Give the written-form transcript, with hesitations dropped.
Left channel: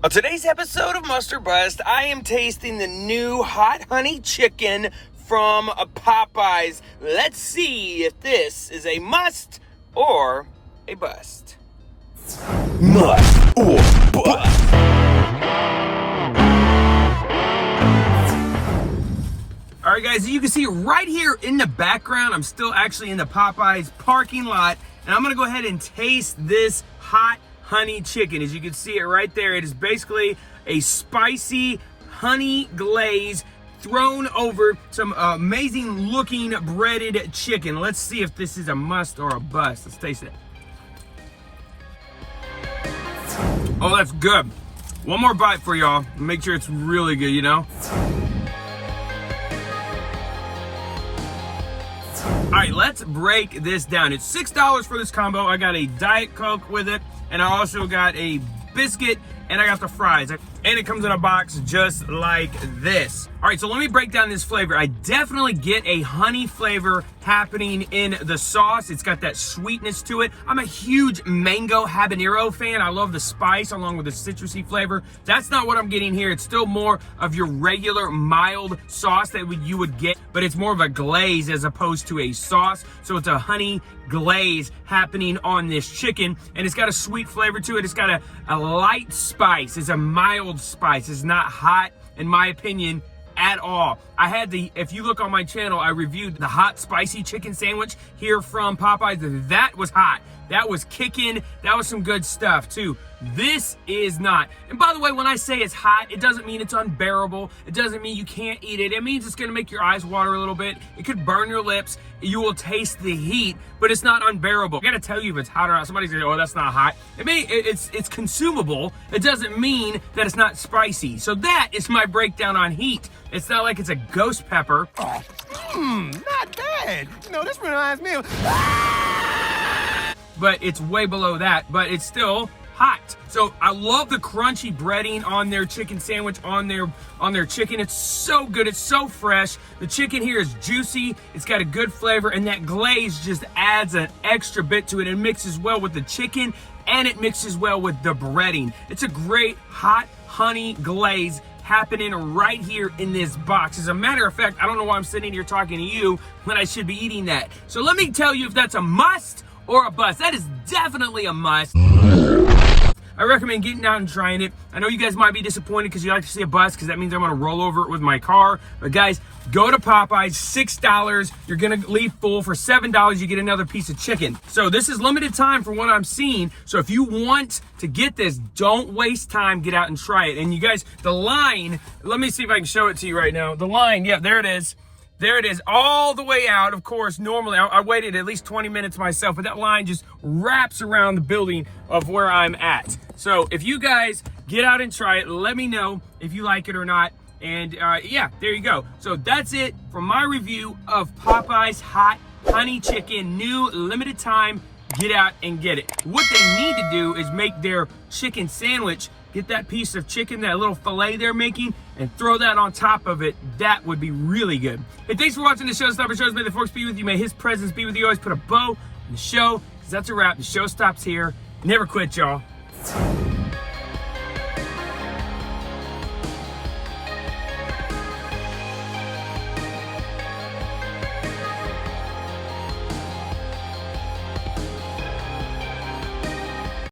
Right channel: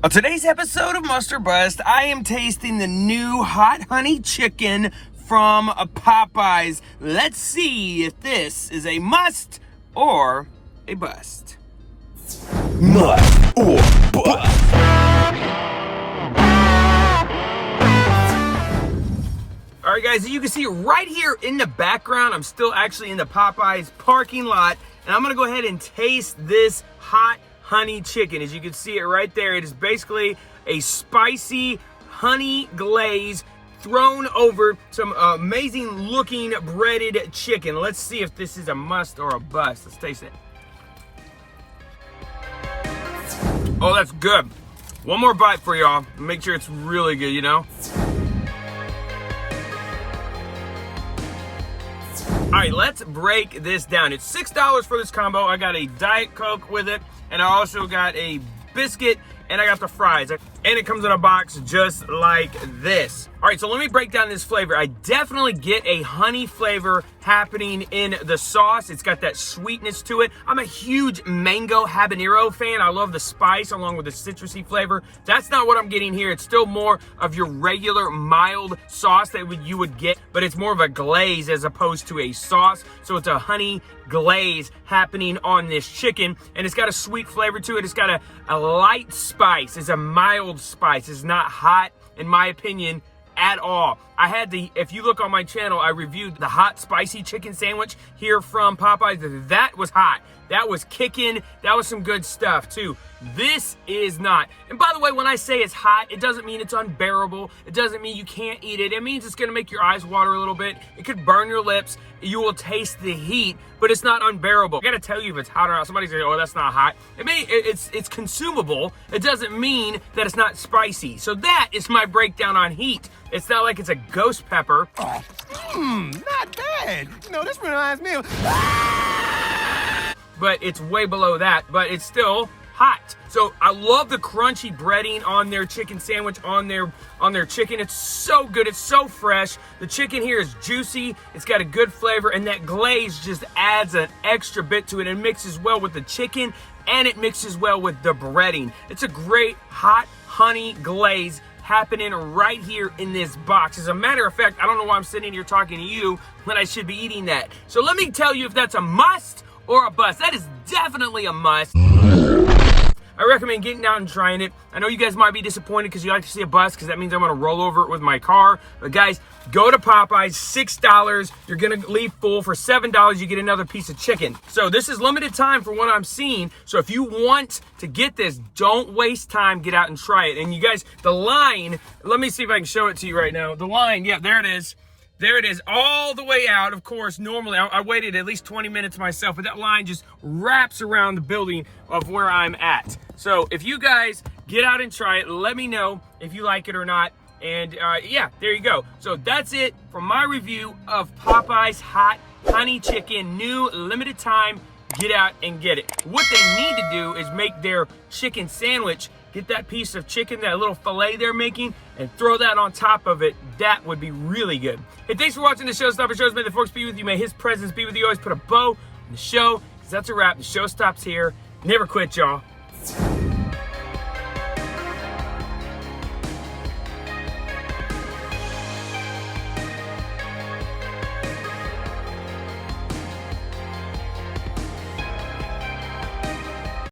On today's episode of Must or Bust, I am tasting the new hot honey chicken from Popeyes. Let's see if this is a must or a bust. Must or bust. All right, guys, you can see right here in the background, I'm still actually in the Popeyes parking lot, and I'm gonna go ahead and taste this hot honey chicken. As you can see it right there, it is basically a spicy honey glaze thrown over some amazing looking breaded chicken. Let's see if this is a must or a bust. Let's taste it. Oh, that's good. One more bite for y'all. Make sure it's really good, you know? All right, let's break this down. It's $6 for this combo. I got a Diet Coke with it, and I also got a biscuit, and I got the fries. And it comes in a box just like this. All right, so let me break down this flavor. I definitely get a honey flavor happening in the sauce. It's got that sweetness to it. I'm a huge mango habanero fan. I love the spice along with the citrusy flavor. That's not what I'm getting here. It's still more of your regular mild sauce that you would get, but it's more of a glaze as opposed to a sauce. So it's a honey glaze happening on this chicken, and it's got a sweet flavor to it. It's got a light spice. It's a mild spice. It's not hot, in my opinion, at all. If you look on my channel, I reviewed the hot spicy chicken sandwich here from Popeyes. That was hot. That was kicking. That was some good stuff too. This is not. And by the way, when I say it's hot, it doesn't mean it's unbearable. It doesn't mean you can't eat it. It means it's gonna make your eyes water a little bit. It could burn your lips. You will taste the heat, but it's not unbearable. I gotta tell you if it's hot or not. Somebody says, oh, that's not hot. It's consumable. It doesn't mean that it's not spicy. So that is my breakdown on heat. It's not like it's a ghost pepper. Not bad. You know, this reminds me of... But it's way below that, but it's still hot. So I love the crunchy breading on their chicken sandwich, on their chicken. It's so good, it's so fresh. The chicken here is juicy, it's got a good flavor, and that glaze just adds an extra bit to it. It mixes well with the chicken, and it mixes well with the breading. It's a great hot honey glaze happening right here in this box. As a matter of fact, I don't know why I'm sitting here talking to you when I should be eating that. So let me tell you if that's a must or a bust. That is definitely a must. I recommend getting out and trying it. I know you guys might be disappointed because you like to see a bust because that means I'm gonna roll over it with my car. But guys, go to Popeyes, $6. You're gonna leave full. For $7, you get another piece of chicken. So this is limited time for what I'm seeing. So if you want to get this, don't waste time, get out and try it. And you guys, the line, let me see if I can show it to you right now. The line, yeah, there it is. There it is, all the way out. Of course, normally I waited at least 20 minutes myself, but that line just wraps around the building of where I'm at. So if you guys get out and try it, let me know if you like it or not. And yeah, there you go. So that's it for my review of Popeyes hot honey chicken, new limited time. Get out and get it. What they need to do is make their chicken sandwich, get that piece of chicken, that little filet they're making, and throw that on top of it. That would be really good. Hey, thanks for watching the Showstopper Shows. May the force be with you. May his presence be with you. Always put a bow in the show, because that's a wrap. The show stops here. Never quit, y'all.